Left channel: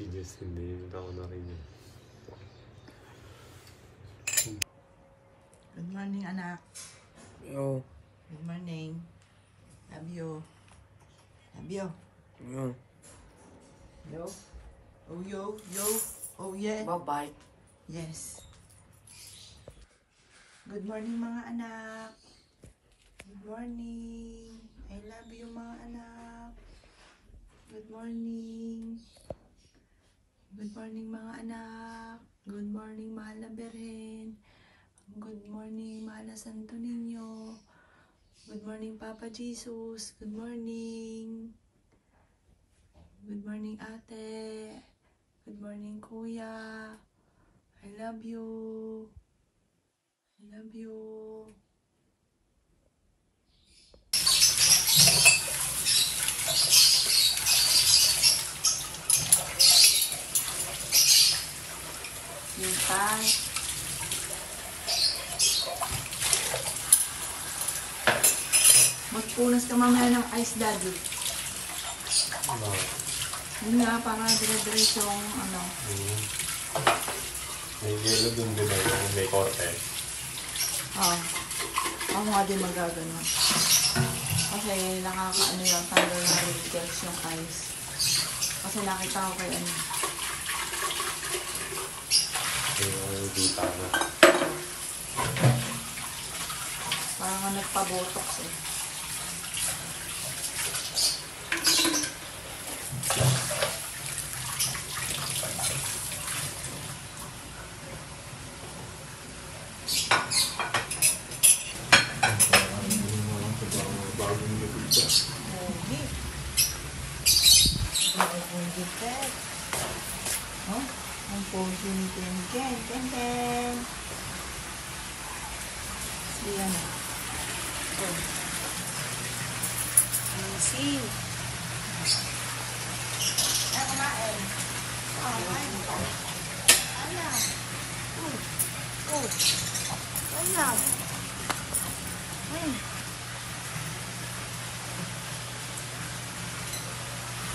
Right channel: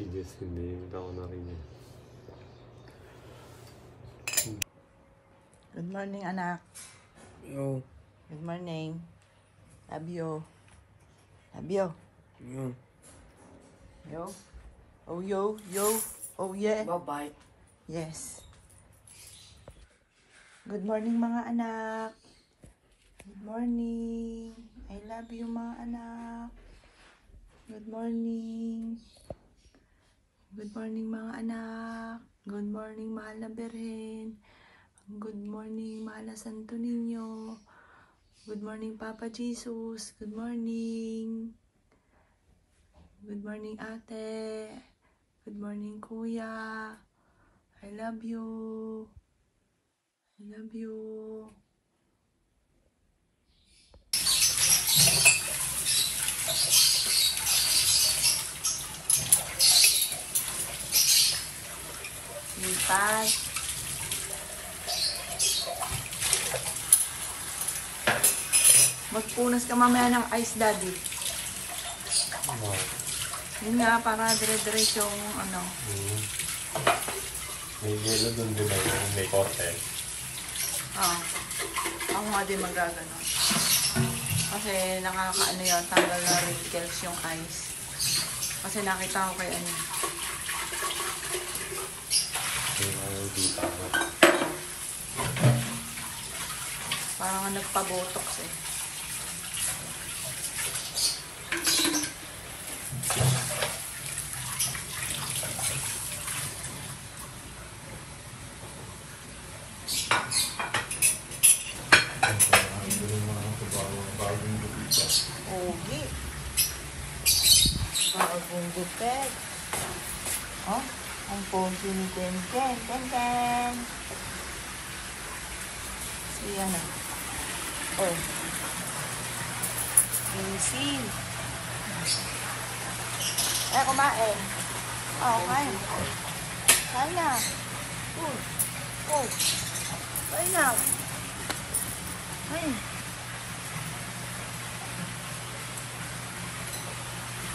si Justin, hindi ako narinig. Good morning, anak. Yo. Good morning. Love you. Love you. Yo. Yo. Oh, yo. Yo. Oh, yeah. Bye-bye. Yes. Good morning, mga anak. Good morning. I love you, mga anak. Good morning. Good morning, mga anak. Good morning, mahal na Birhen. Good morning, mahal na Santo Niño. Good morning, Papa Jesus. Good morning. Good morning, ate. Good morning, kuya. I love you. I love you. Minsan. Magpunas ka mamaya ng ice, daddy. No. Yun nga, para dire-diretso yung ano. May yelo dun din ay may korte. Ako nga din magagano. Kasi nakakaano yun, tanggal na wrinkles yung ice. Kasi nakita ko kay ano. Kaya di tama. Parang nagpa-botox eh. Pogi. Bagong gupit. Oh, ang pogi ni Ken. Ken. Siya na. Oh. Easy. Kumain. Oh, kumain. Kain na. Kain na.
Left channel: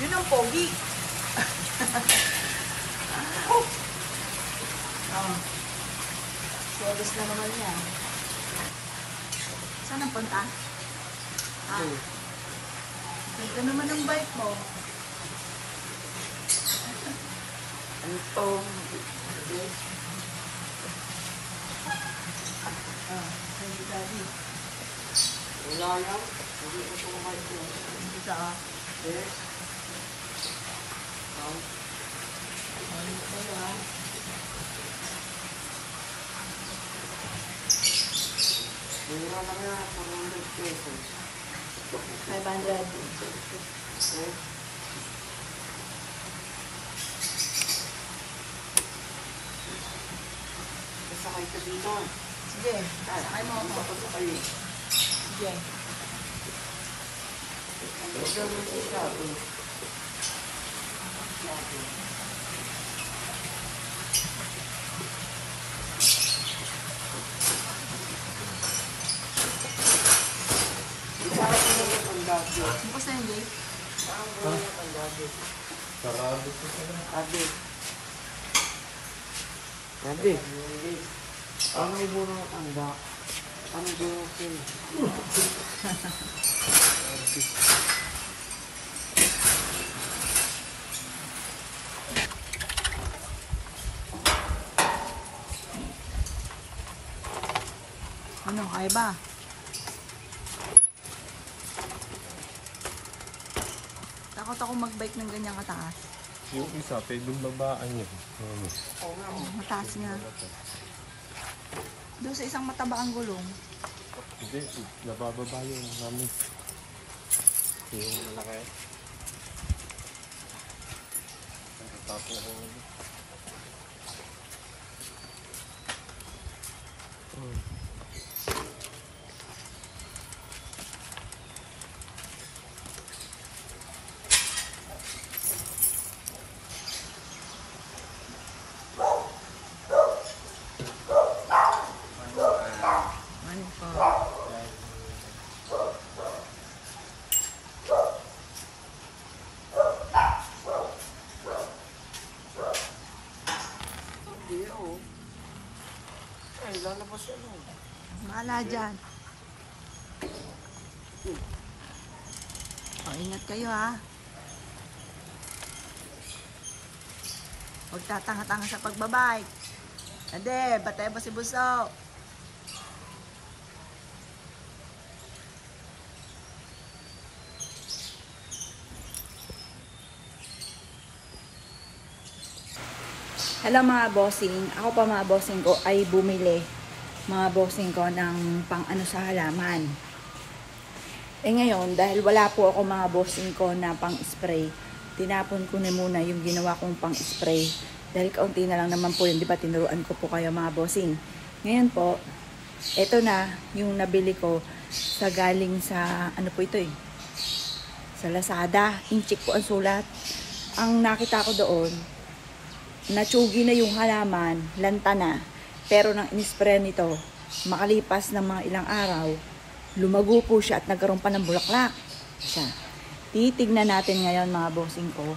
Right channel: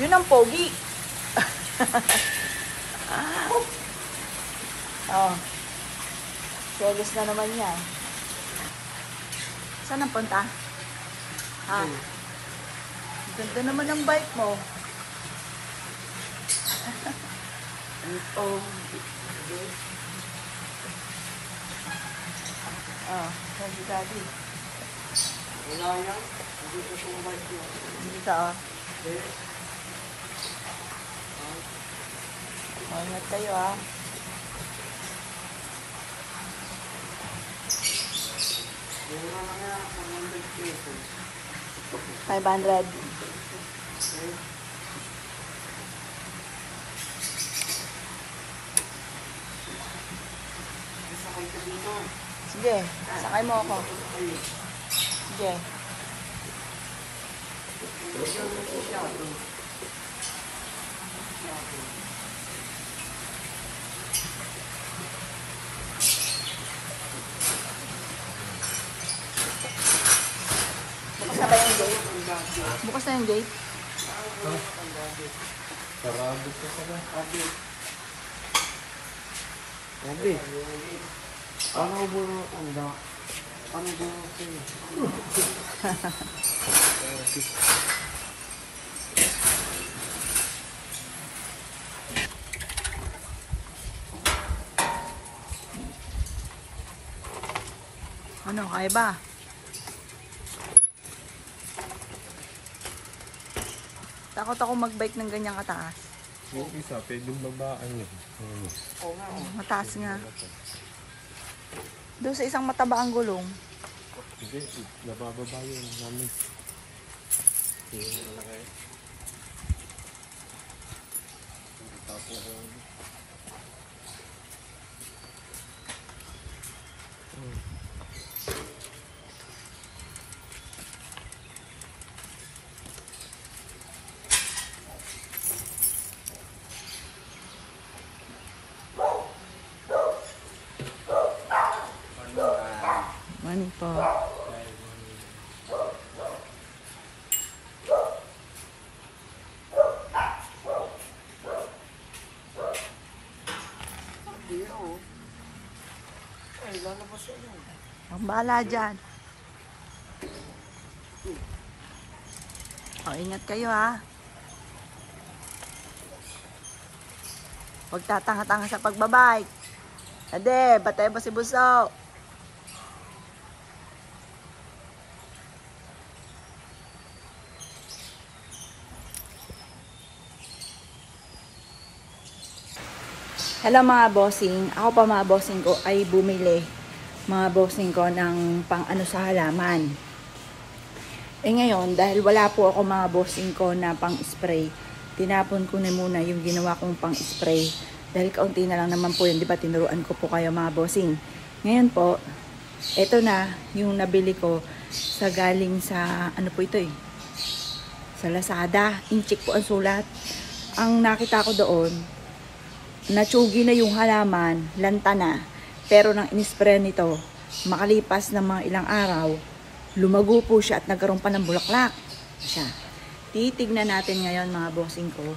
Yun ang pogi. Oh. Selos na naman niya. Saan ang punta? Ganda naman ang bike mo. Ito. Thank you, Daddy. Wala yan. Hindi ko pumayag ko. Dito, ingat tayo, Wala lang yan. 400 pesos. 500. Sakay ka dito. Sige, sakay mo ako. Sige. Bukas na yung gate. Sarado ko pala. Sabi. Paano ko muna ang anda? Paano ko muna Ano, kaya ba? Takot ako mag-bike ng ganyang kataas. Yung isa, pwedeng babaan yun. Oo nga. Mataas nga. Doon sa isang mataba ang gulong. Hindi, nabababa yun namin. Yung malaki. Tapos ako. Ano po? lalabas yan. Ang bahala dyan. O, ingat kayo ha. Huwag tatanga-tanga sa pagbabike. Ade, batay ba si Buso? Hello mga bossing. Ako pa mga bossing ko ay bumili mga bossing ko ng pang ano sa halaman. Eh ngayon, dahil wala po ako mga bossing ko na pang spray, tinapon ko na muna yung ginawa kong pang spray. Dahil kaunti na lang naman po yun, di ba tinuruan ko po kayo mga bossing. Ngayon po, eto na yung nabili ko sa galing sa, ano po ito sa Lazada. Inchik po ang sulat. Ang nakita ko doon, natsugi na yung halaman, lanta na. Pero nang inispray nito, makalipas ng mga ilang araw, lumago po siya at nagkaroon pa ng bulaklak siya. Titignan natin ngayon mga bossing ko.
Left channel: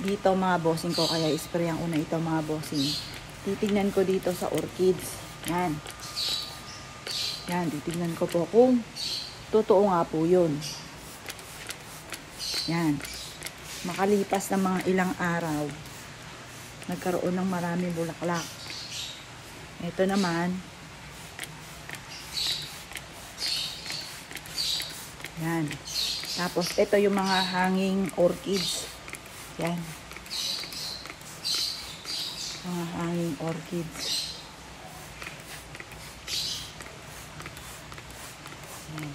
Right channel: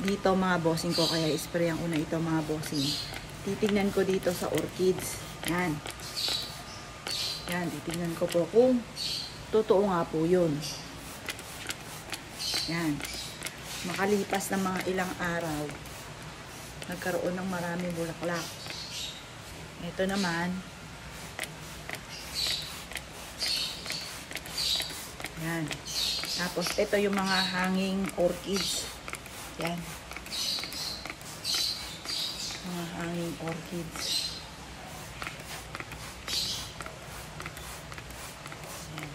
Dito mga bossing ko, kaya spray ang una ito mga bossing. Titignan ko dito sa orchids. Yan. Yan, titignan ko po kung totoo nga po yun. Yan. Makalipas ng mga ilang araw, nagkaroon ng maraming bulaklak. Ito naman, yan. Tapos ito yung mga hanging orchids. Yan. Mga hanging orchids. Yan.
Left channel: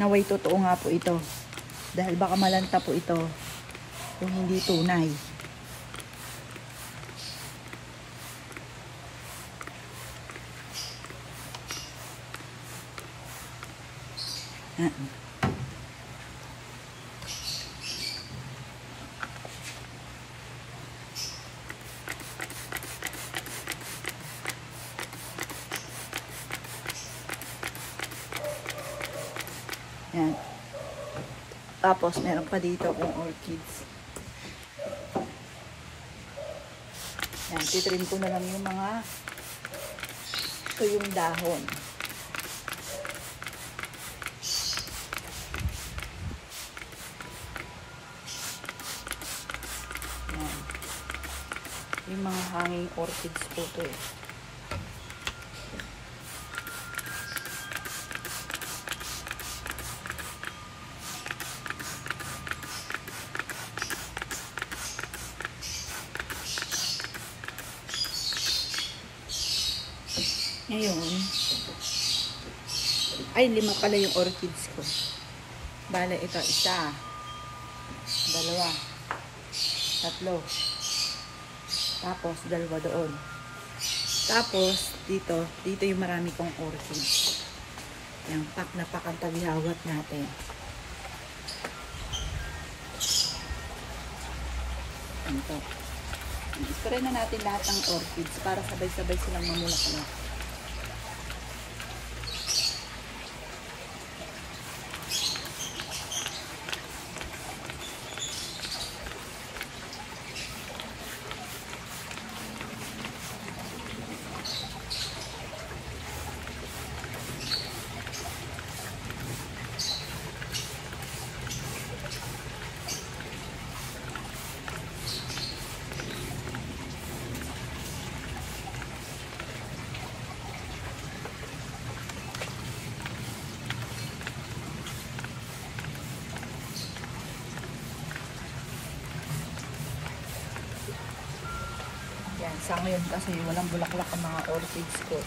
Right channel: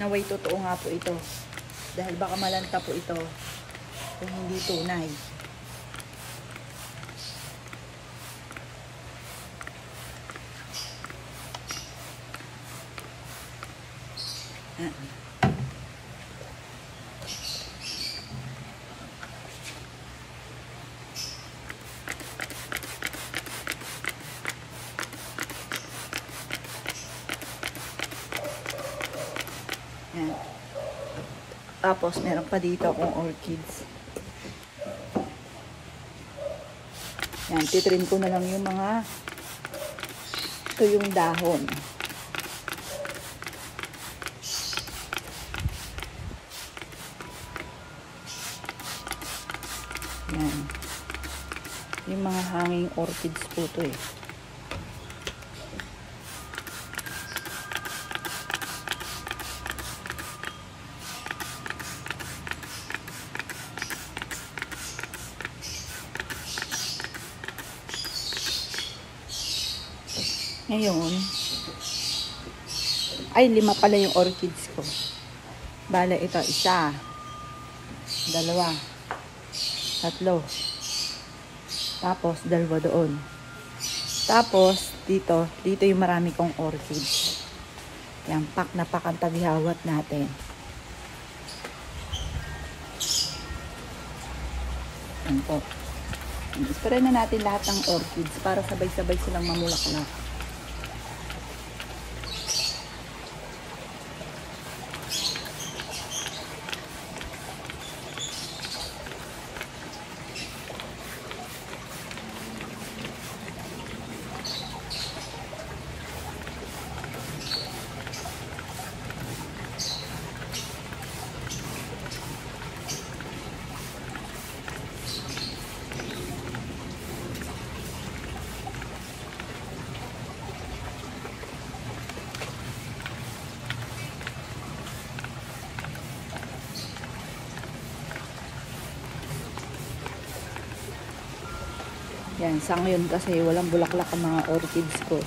Naway totoo nga po ito. Dahil baka malanta po ito kung hindi tunay. Yan. Yan. Tapos, meron pa dito akong orchids. Yan, titrim ko na lang yung mga ito yung dahon. Yan. Yung mga hanging orchids po ito eh. Ngayon, ay 5 pala yung orchids ko. Bale, ito, 1, 2, 3, tapos 2 doon. Tapos, dito yung marami kong orchids. Yan, pak na pak ang taghihawat natin. Ito. Ispray na natin lahat ng orchids para sabay-sabay silang mamulaklak. Yan, sa ngayon kasi walang bulaklak ang mga orchids ko.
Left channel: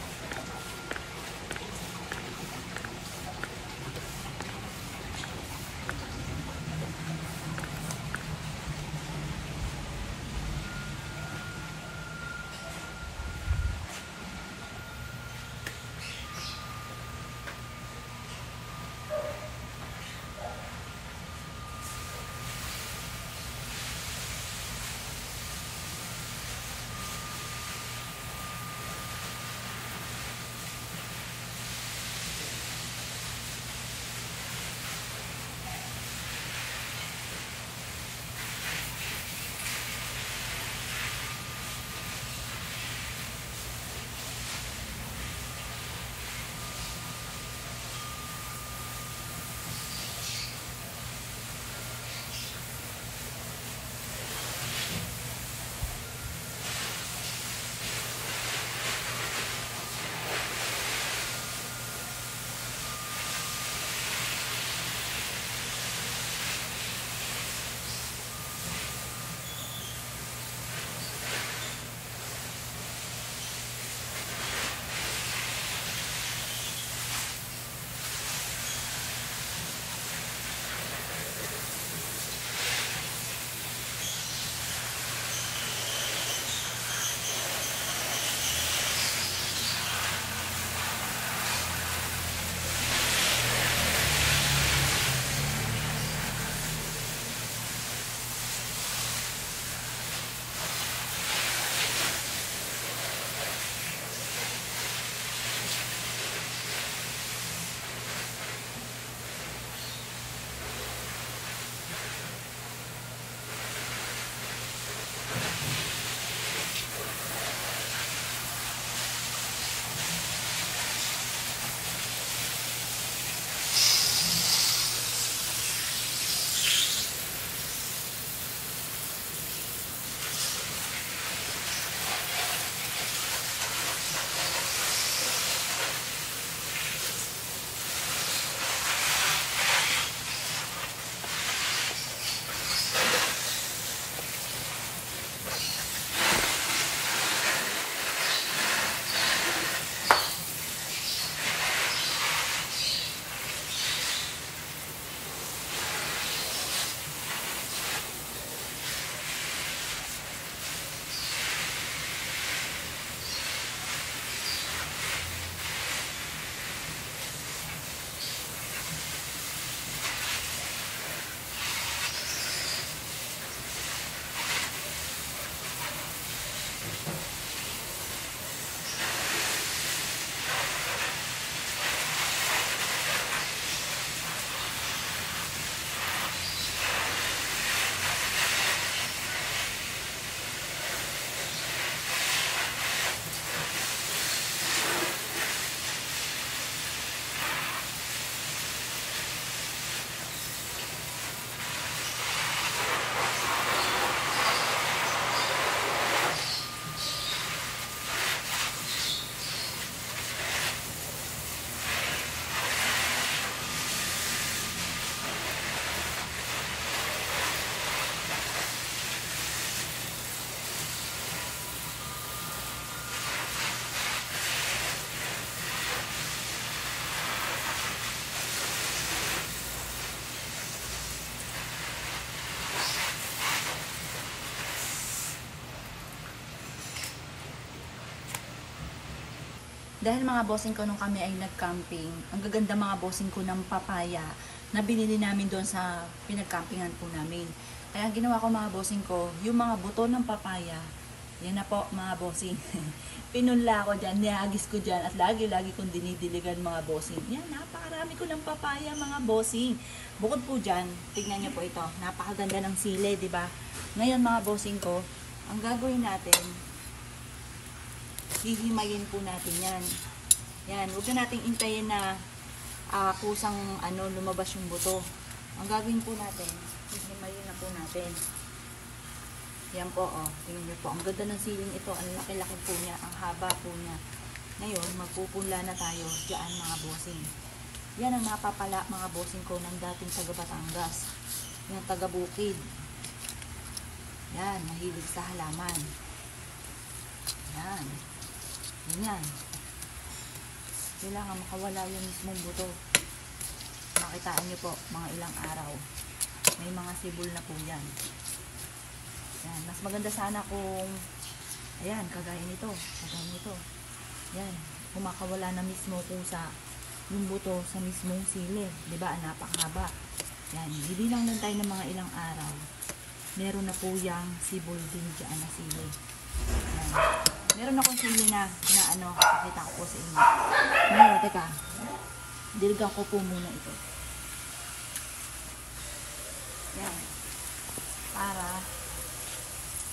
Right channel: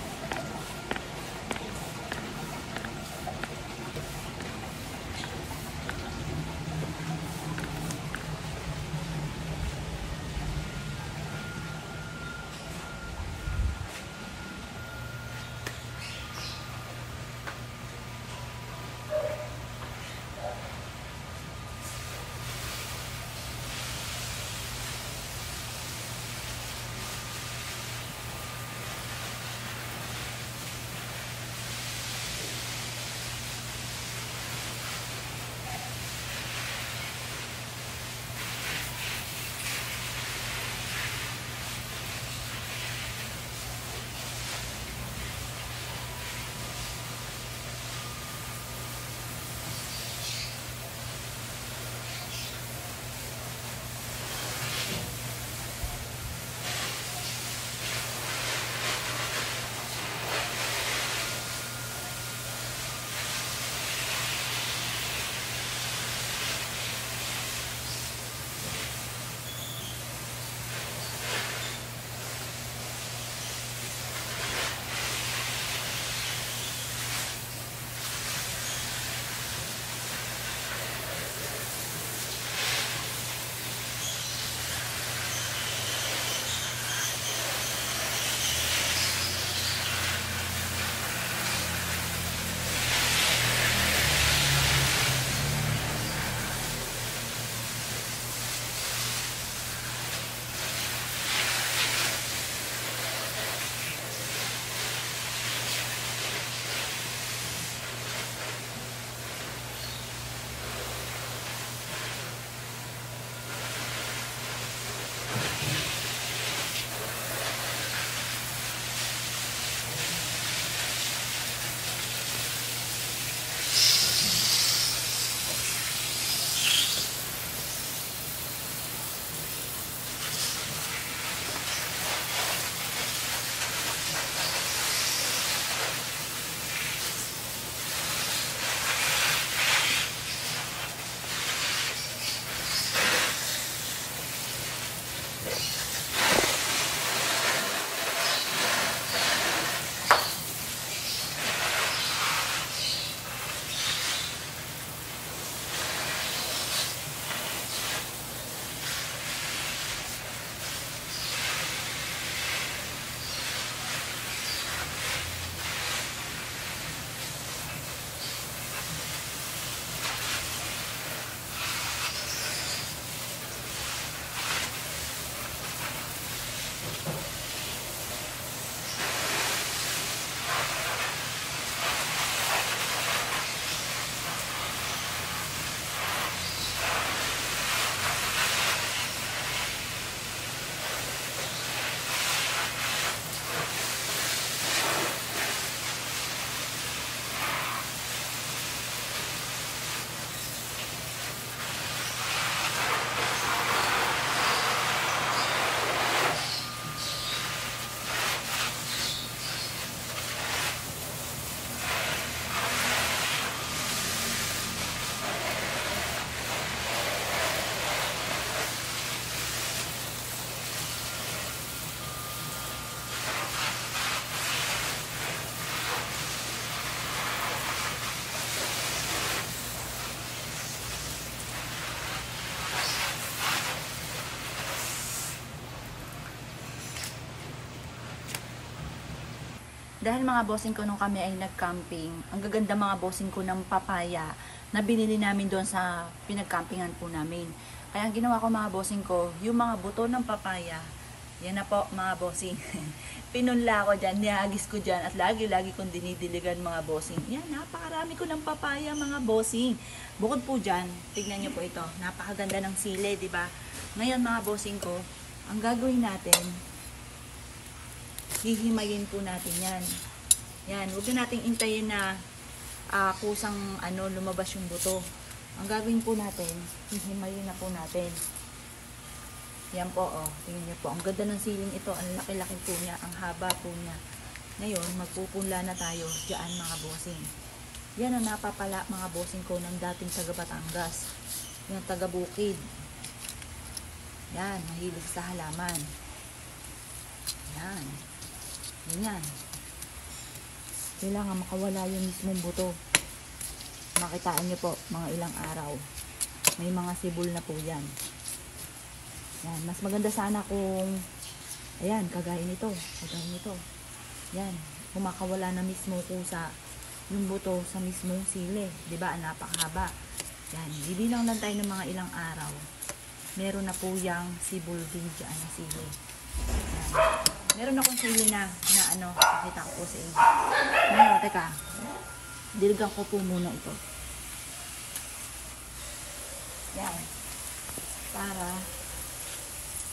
Dahil mga bossing ko nung kami ay nag-camping, ang gaganda mga bossing ko ng papaya na binili namin doon sa pinag-campingan po namin. Kaya ang ginawa ko mga bossing ko, yung mga buto ng papaya, yan na po mga bossing. Pinunla ko dyan, nihagis ko dyan at lagi-lagi kong dinidiligan mga bossing. Yan, napakarami ko ng papaya mga bossing. Bukod po dyan, tignan nyo po ito, napakaganda ng sili, di ba? Ngayon mga bossing ko, ang gagawin natin, hihimayin po natin yan. Yan, huwag na nating intayin na kusang lumabas yung buto. Ang gagawin po natin, hihimayin na po natin. Yan po, oh. Tingnan niyo po. Ang ganda ng siling ito. Ang laki-laki po niya. Ang haba po niya. Ngayon, magpupunla na tayo diyan mga bossing. Yan ang napapala mga bossing ko ng dating taga Batangas. Yung taga Bukid. Yan, mahilig sa halaman. Yan. Yan. Kailangan makawala yung mismong buto. Makitaan niyo po, mga ilang araw. May mga sibol na po yan. Yan. Mas maganda sana kung, ayan, kagaya nito. Kagaya nito. Yan. Kumakawala na mismo kusa yung buto sa mismong sili. Diba? Napakahaba. Yan. Bibilang lang tayo ng mga ilang araw. Meron na po yung sibol din dyan na sili. Yan. Meron akong sili na pakita ko po sa inyo. Ngayon, teka. Diligan ko po muna ito. Yan. Para,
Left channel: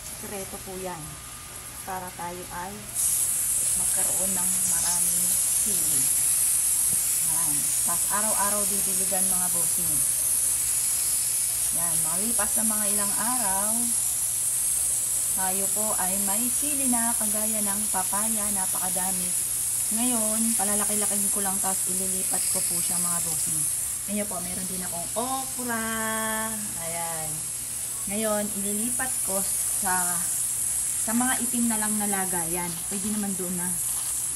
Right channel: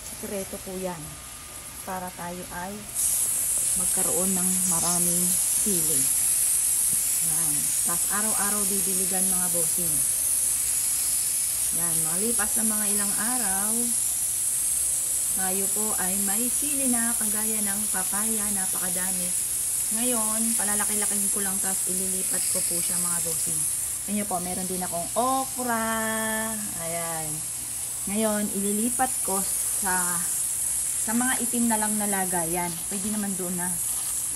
sekreto po yan. Para tayo ay magkaroon ng maraming sili. Yan. Tapos araw-araw didiligan mga bossing. Yan. Malipas na mga ilang araw, tayo po ay may sili na kagaya ng papaya, napakadami. Ngayon, palalaki-lakihin ko lang tapos ililipat ko po siya mga bossing. Ngayon po, meron din akong okra. Ayan. Ngayon, ililipat ko sa mga itim na lang na lagayan. Pwede naman doon na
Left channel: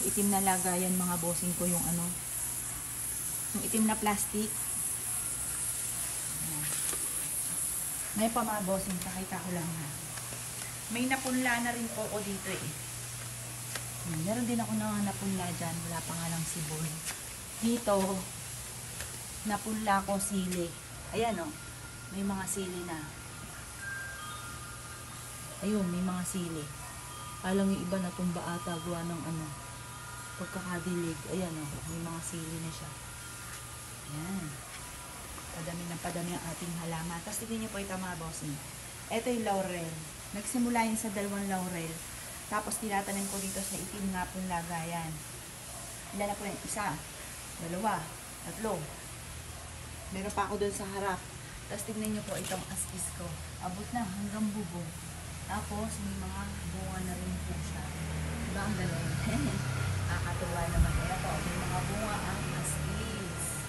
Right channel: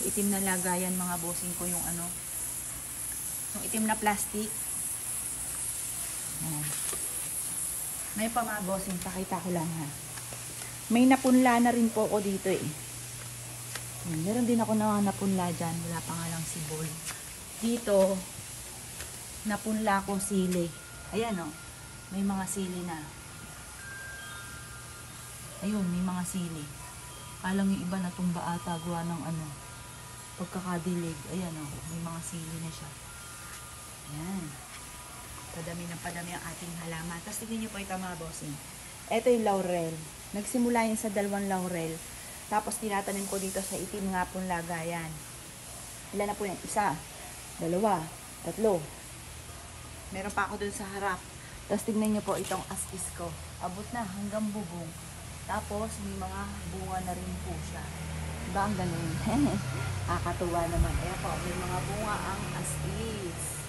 itim na lagayan mga bossing ko yung yung itim na plastic. Ayan. Ngayon pa mga bossing, pakita ko lang ha. May napunla na rin po ako dito eh. Meron din ako na napunla dyan. Wala pa nga lang sibol. Dito, napunla ko sili. Ayan o. May mga sili na. Ayun, may mga sili. Alang yung iba natumba ata. Gawa ng pagkakadilig. Ayan o. May mga sili na siya. Ayan. Padami ng padami ang ating halaman. Tapos tignan nyo po ito mga bossing. Ito yung laurel. Nagsimula yun sa 2 laurel. Tapos tinatanim ko dito sa itim nga pong lagayan. Ilan na po yan? 1, 2, 3. Meron pa ako dun sa harap. Tapos tignan nyo po itong askis ko. Abot na hanggang bubong. Tapos may mga bunga na rin po siya. Diba ang galing? Kakatuwa naman. Ayan po, may mga bunga ang askis.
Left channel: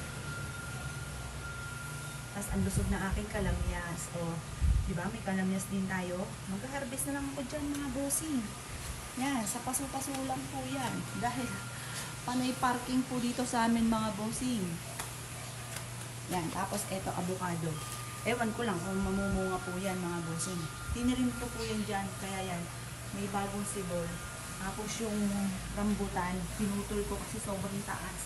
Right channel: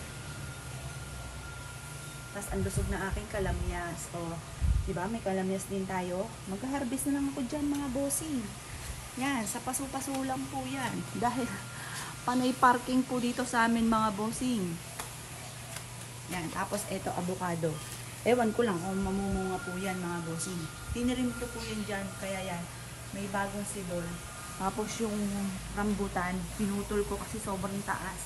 Tapos ang lusog na aking kalamyas. O, diba? May kalamyas din tayo. Mag-harvest na lang ako dyan mga bossing. Yan, sa paso-paso lang po yan. Dahil panay parking po dito sa amin mga bossing. Yan, tapos eto avocado. Ewan ko lang kung mamumunga po yan mga bossing. Tinirim ko po yan dyan. Kaya yan, may bagong sibol. Tapos yung rambutan, pinutol ko kasi sobrang taas.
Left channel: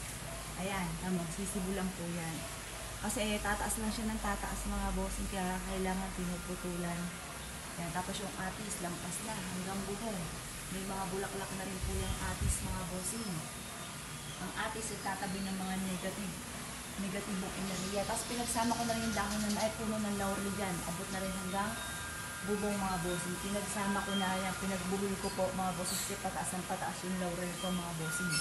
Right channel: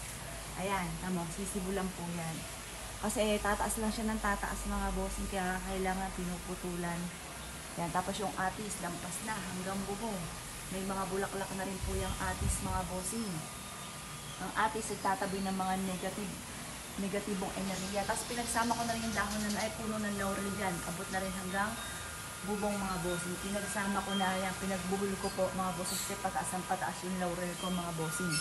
Ayan, tamo, sisibulan po yan. Kasi tataas lang siya ng tataas mga bossing, kaya kailangan pinuputulan. Yan, tapos yung atis, lampas na hanggang bubong. May mga bulaklak na rin po yung atis mga bossing. Ang atis ay tatabi ng mga negatibong enerhiya. Tapos pinagsama ko na rin yung dahon na puno ng laurel dyan. Abot na rin hanggang bubong mga bossing. Pinagsama ko na yan, pinagbuhol ko po mga bossing. Kasi pataas ang pataas yung laurel ko mga bossing.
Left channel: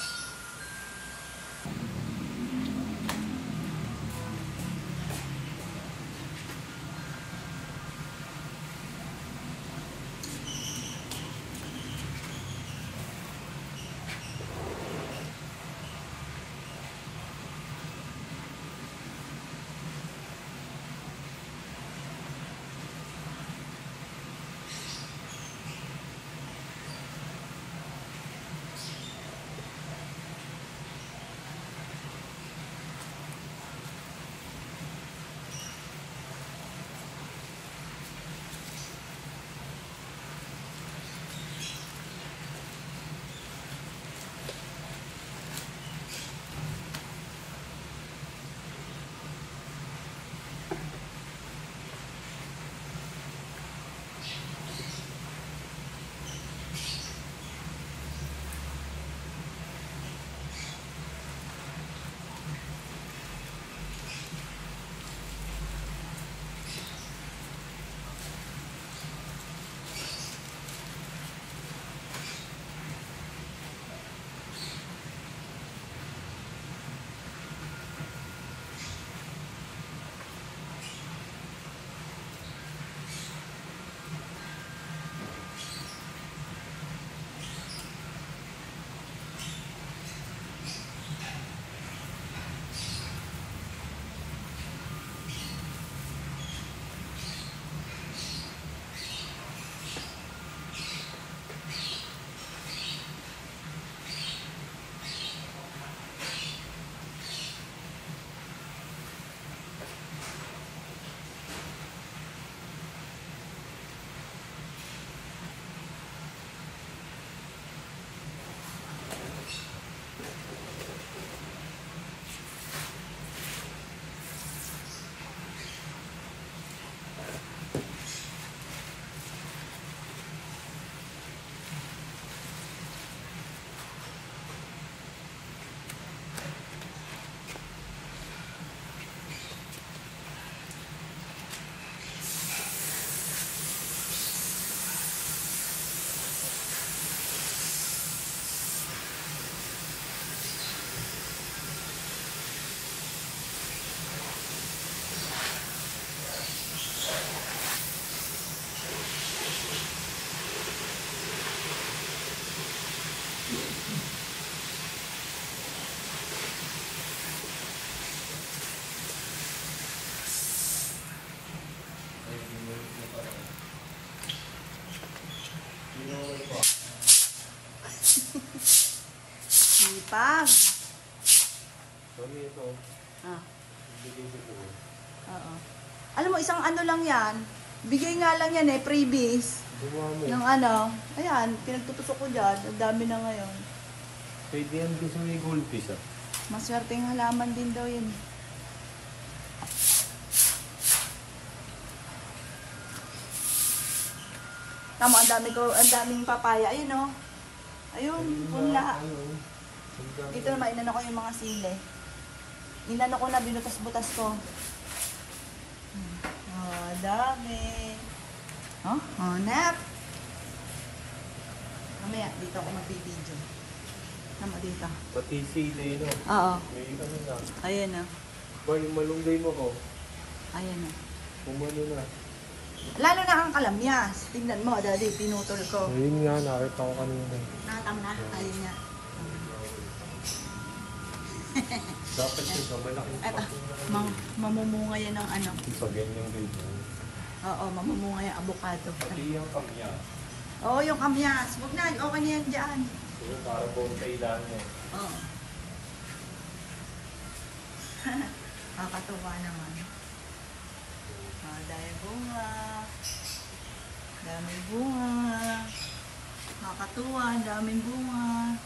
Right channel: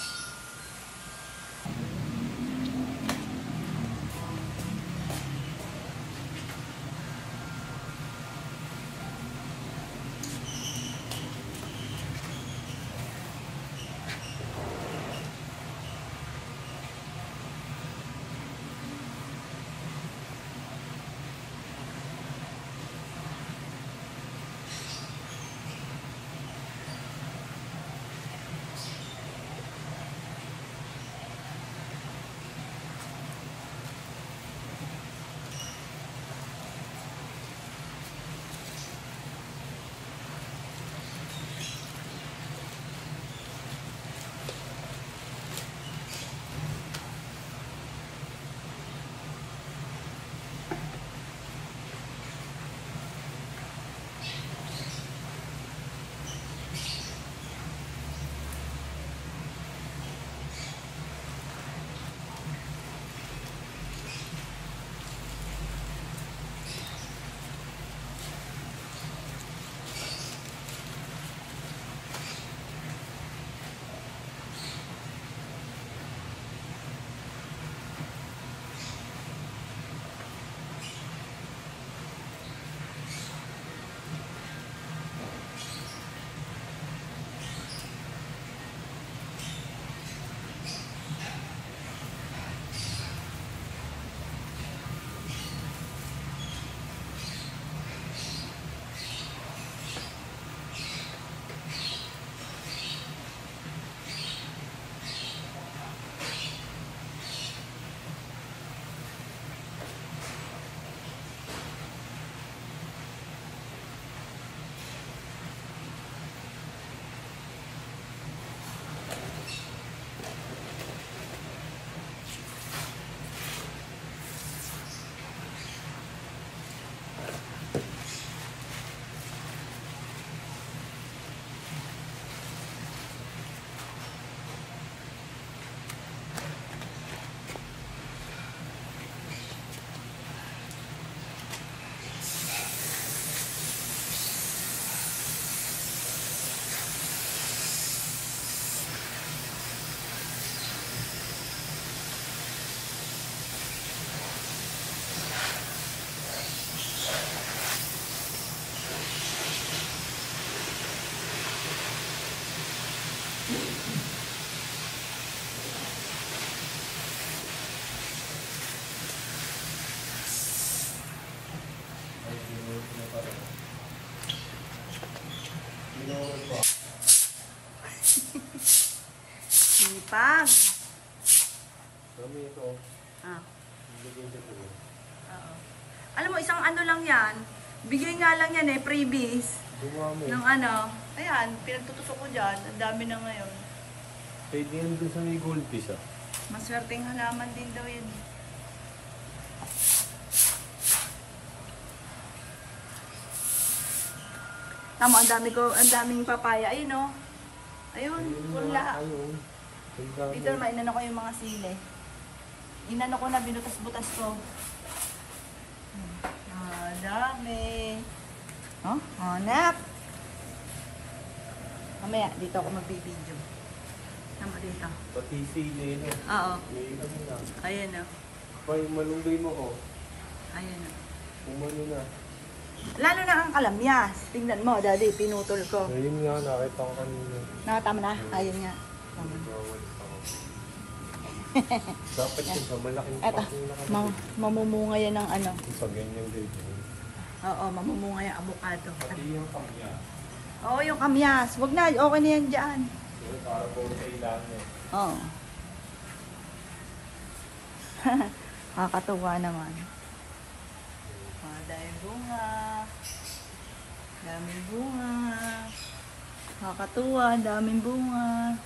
Sipag. Mami, ito. Ah, Bigay sa ko. oo. Alam mo, isang ano lang yan. Bigay nga lang yan freebies. Gumawa mo. Ng ano. Ayan, pinagtutusok ko dyan. Ang dami na ngayon. Pwede yan doon sa may goldfish ah. Maswerteng halaman din daw yun. Tama, ang daming papaya. Ayun oh. Ayun, punla. Ayun. Dito naman, inano ko yung mga sili. Inano ko na, binutas-butas ko. Dami. Oh, hanap. Mamaya, dito ako magbibideo. Tama dito. Pati sili no. Oo. May ano na. Ayan na. Kaya yung malunggay mo ko. Ayan na. Pumuli na. Lalo na ang kalamyas. Tingnan mo, daddy, pinutol ko. Ayun nga, nakita ko kanina. Nakatama na? Ayun nga. Tama na. Dapat yun sa malaking Eto, mamumunga yan ng ano. Sa ganyan din. Oo, mamumunga yung avocado. Pati yung pangya. Oo, yung kamyas. Wag na, okay na yan dyan. Pero para po sa ilan eh. Oo. Kakatuwa naman. Dahil bunga. Daming bunga. Kakatuwa, daming bunga.